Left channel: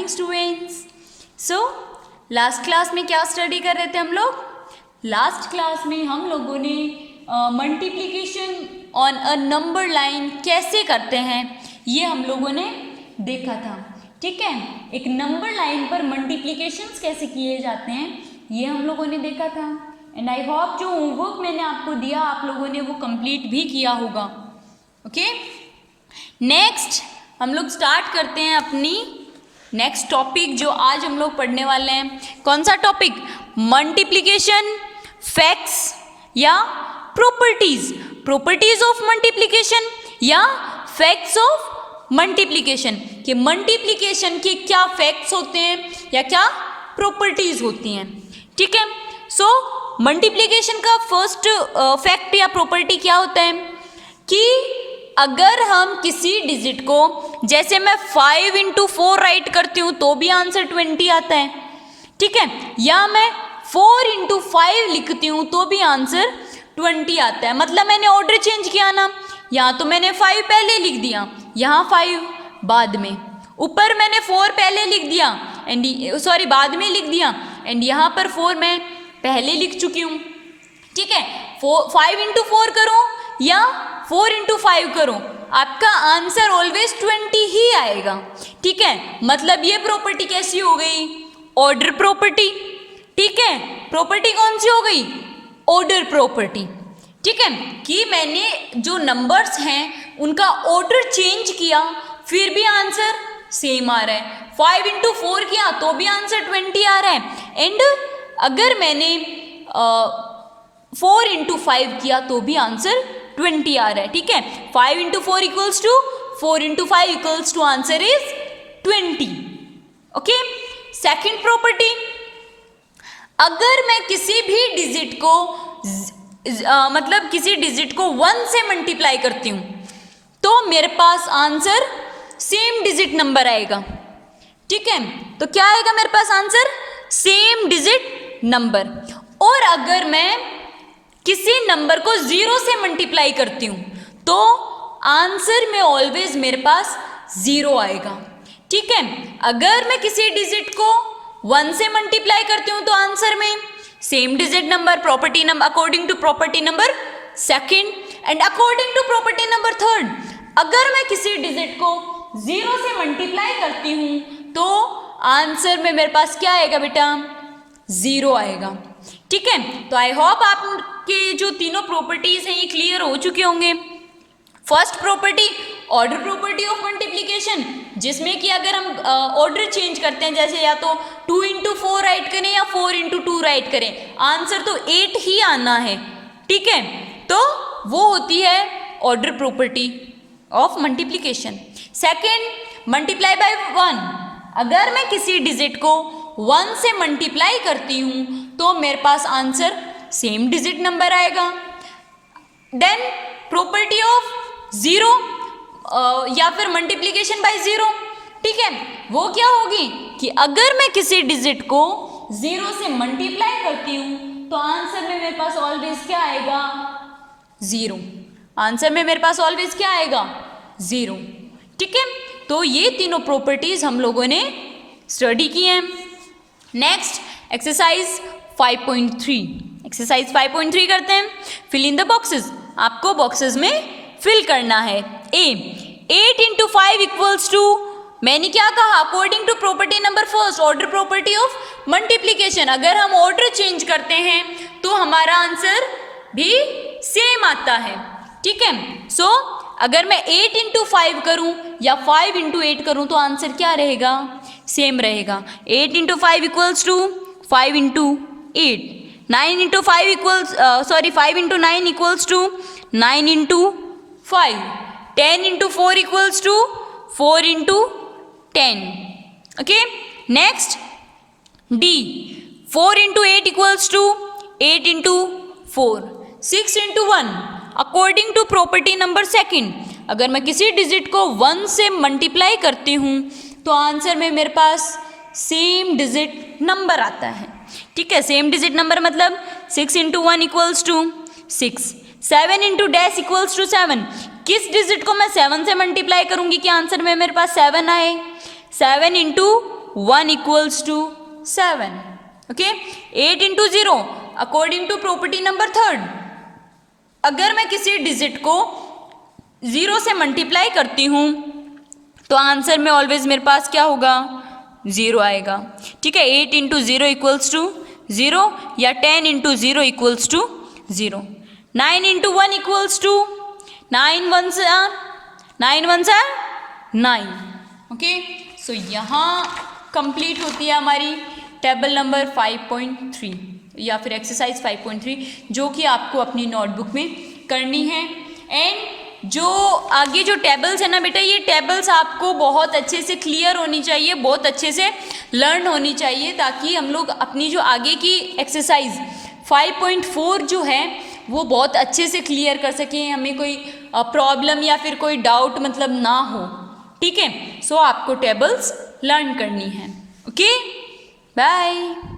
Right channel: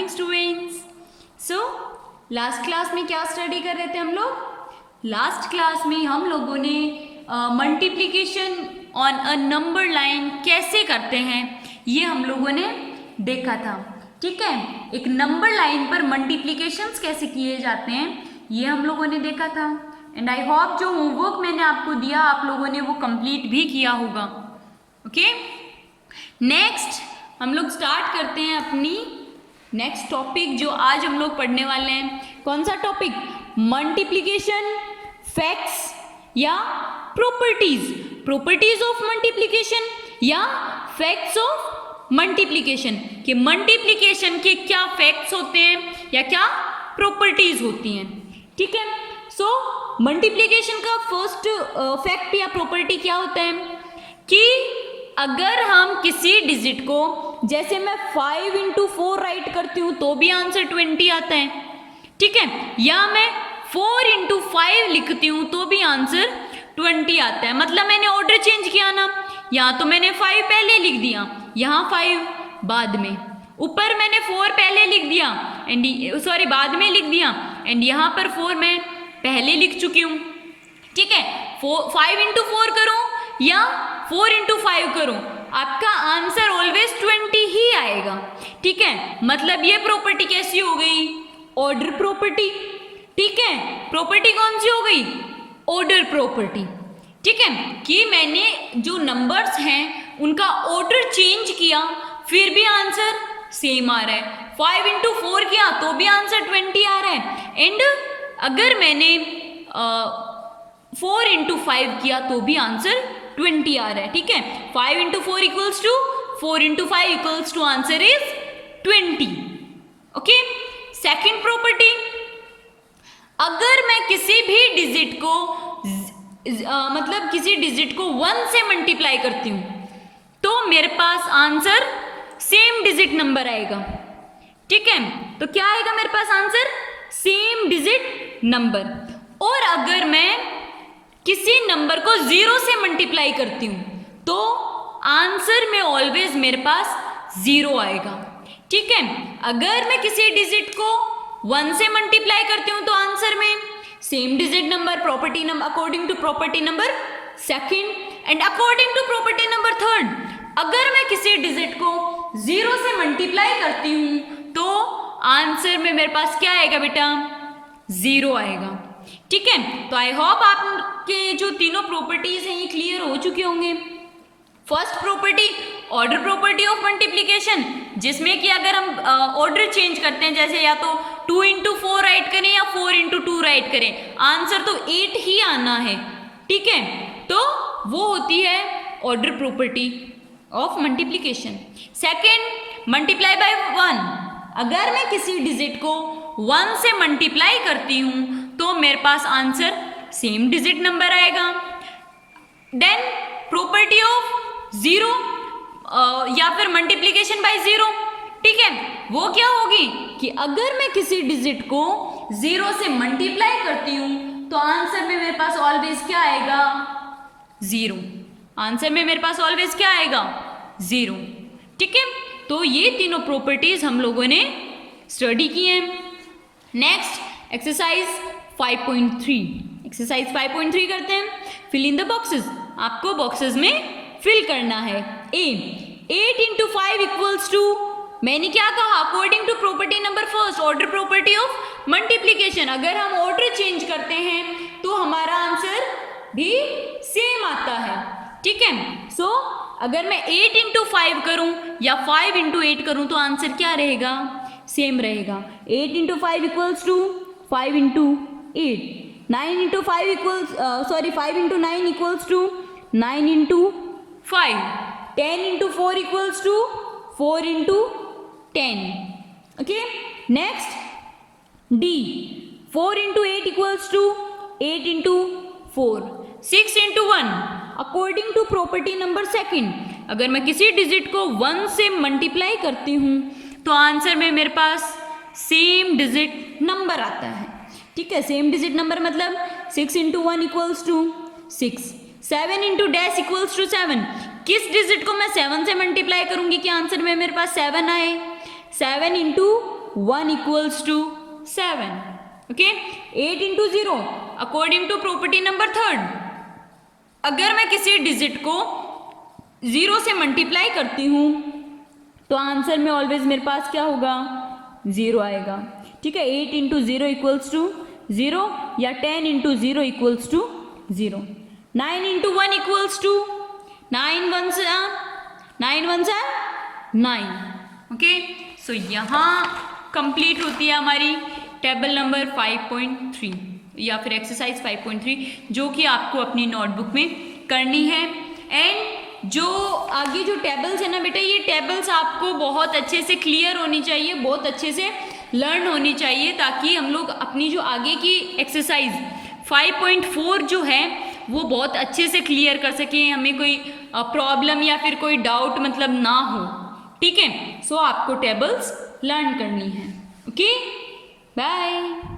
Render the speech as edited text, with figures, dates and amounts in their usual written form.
Morning students. So last class में क्या study कर रहे थे हम लोग? लास्ट क्लास में हम लोगों ने multiplication on a number line कैसे करते हैं ये हम लोगों ने देखा था। ठीक है, एक नंबर लाइन पर मल्टीप्लिकेशंस कैसे किए जाते हैं ये हम लोगों ने देखा था। एंड आई होप जो होमवर्क मैंने आपको दिया आप लोगों ने वो कंप्लीट भी किया होगा। ओके, नेक्स्ट हम लोग स्टार्ट करते हैं अपनी नेक्स्ट टॉपिक जो आज हम लोग पढ़ने वाले हैं। कौन सा टॉपिक? मल्टीप्लिकेशन, फैक्ट्स या प्रॉपर्टीज, प्रॉपर्टीज ऑफ मल्टीप्लिकेशन या फैक्ट्स ऑफ मल्टीप्लिकेशन। कि मल्टीप्लिकेशन के क्या फैक्ट्स होते हैं या क्या प्रॉपर्टीज होती हैं। ठीक है, सो मल्टीप्लिकेशन का फर्स्ट फैक्ट या प्रॉपर्टी क्या होता है कि अगर हम किसी डिजिट को, जैसे मैं 5 into 4 राइट करती हूँ तो भी आंसर 20 आता है। ठीक है, या मैं 4 into 5 लिखती हूँ तो भी आंसर 20 आता है। मतलब मैंने ऑर्डर चेंज किया ना, यहाँ तो मैंने 5 पहले लिख दिया, यहाँ 5 बाद में, ऊपर मैंने 4 पहले लिख दिया एंड बाद में लिख दिया एंड यहाँ पर 4 मैं पहले लिख चुकी हूँ। ठीक है, 5 into 4 करूँ या 4 into 5 करूं, आपका आंसर ऑलवेज 20 ही आएगा। ठीक है, मतलब ये प्रॉपर्टी कैसी हो गई? Order property. ठीक है, प्रॉपर्टी कौन सी हो गई? Order property. ठीक है, कि मैंने जो नंबर्स हैं उनका ऑर्डर चेंज किया फिर भी आंसर सेम आ रहा है। 5 into 4 किया तो भी आंसर 20 आ रहा है एंड अगर मैंने 4 into 5 किया तो भी आंसर 20 आ रहा है। ठीक है, 5 into 4 equals to 4 into 5 equals to answer is 20. Okay, second property, अगर मैं किसी भी डिजिट को मतलब किसी डिजिट को 1 से मल्टीप्लाई करती हूँ तो मेरे पास आंसर सेम डिजिट नंबर आएगा। ठीक है, तो क्या आएगा मेरे पास आंसर? Same digit number. और अगर मैं किसी नंबर को 0 से मल्टीप्लाई करती हूँ तो आंसर में ऑलवेज मेरे पास 0 आएगा। ठीक है, अगर मैं किसी डिजिट को 1 से मल्टीप्लाई करती हूँ तो आंसर में same digit number, property number according to property number second and according to property number third, अगर मैं किसी डिजिट को 0 से मल्टीप्लाई करती हूँ तो आंसर में मेरे पास क्या आएगा बेटा? 0 आएगा। ठीक है, तो आई होप आपके जो तीनों प्रॉपर्टीज हैं ये क्लियर हो चुके होंगे। First property order property of multiplication, जिसमें कि अगर हम ऑर्डर चेंज करते हैं, जैसे या तो 2 into 4 राइट करें या 4 into 2 राइट करें, आंसर तो 8 ही आना है। ठीक है, तो वो होती है order property of multiplication. Second, multiply by 1, अगर मैं किसी डिजिट को 1 से मल्टीप्लाई करती हूँ तो मेरे पास आंसर सेम डिजिट नंबर आएगा। देन प्रॉपर्टी ऑफ 0 या फिर मल्टीप्लिकेशन बाय 0। ठीक है, वो क्या होगी कि अगर मैं किसी डिजिट को 0 से मल्टीप्लाई करती हूँ तो आंसर में मेरे पास ऑलवेज क्या आएगा? 0। आंसर में मेरे पास ऑलवेज क्या आएगा? 0। ठीक है, तो ये तीनों प्रॉपर्टीज हम लोगों ने स्टडी की हैं। नेक्स्ट एक्सरसाइज 5.3, एक्सरसाइज 5.3 करते हैं। फिल इन द बॉक्सेस, आपको बॉक्सेस में फिल करना है। ए, 8 into 5 equals to, मैंने क्या कहा? According to property number first, order property of multiplication, अगर हम ऑर्डर चेंज करते हैं तो हमारा आंसर भी सेम आता है। ठीक है, सो अगर मैं 8 into 5 करूं या 5 into 8 करूं तो आंसर क्या रहेगा? सेम रहेगा। 8 into 5 equals to 5 into 8, 9 into 5 equals 5 into 9 equals to 9 into 5, 10 into 4 equals to 4 into 10. Okay, next D, 4 into 8 equals to 8 into 4, 6 into 1 according to property number second, अगर मैं किसी डिजिट को 1 से मल्टीप्लाई करती हूँ तो आंसर में मेरे पास सेम डिजिट नंबर आता है। ठीक है, सेम डिजिट नंबर मतलब 6 into 1 equals to 6, 7 into dash equals to 7, किस डिजिट को मैं 7 से मल्टीप्लाई करूंगी कि आंसर में मेरे पास 7 आए? 7 into 1 equals to 7. Okay, 8 into 0 according to property number third. अगर मैं किसी डिजिट को 0 से मल्टीप्लाई करती हूँ तो आंसर में ऑलवेज मेरे पास क्या होगा, 0 आएगा. ठीक है, 8 इंटू 0 इक्वल्स टू 0 या 10 into 0 equals to 0. 9 into 1 equals to 9 one सा 9. ओके, सो यहाँ कंप्लीट होती है हमारी टेबल नंबर 5.3 या फिर एक्सरसाइज 5.3, जो कि आपको अपनी नोटबुक में करनी है. एंड जो आगे जो टेबल्स है ना बेटा, ये टेबल्स आपको बहुत अच्छे से क्लियर होनी चाहिए, बहुत अच्छे से लर्न होनी चाहिए, ताकि हम लोग अपनी जो आगे की एक्सरसाइज 5.4 जो है वो बहुत अच्छे से क्लियर कर सकें, हमें कोई प्रॉब्लम या फिर कोई डाउट मतलब ना हो. ठीक है, सो आपको टेबल्स लर्न करनी है. Okay, bye.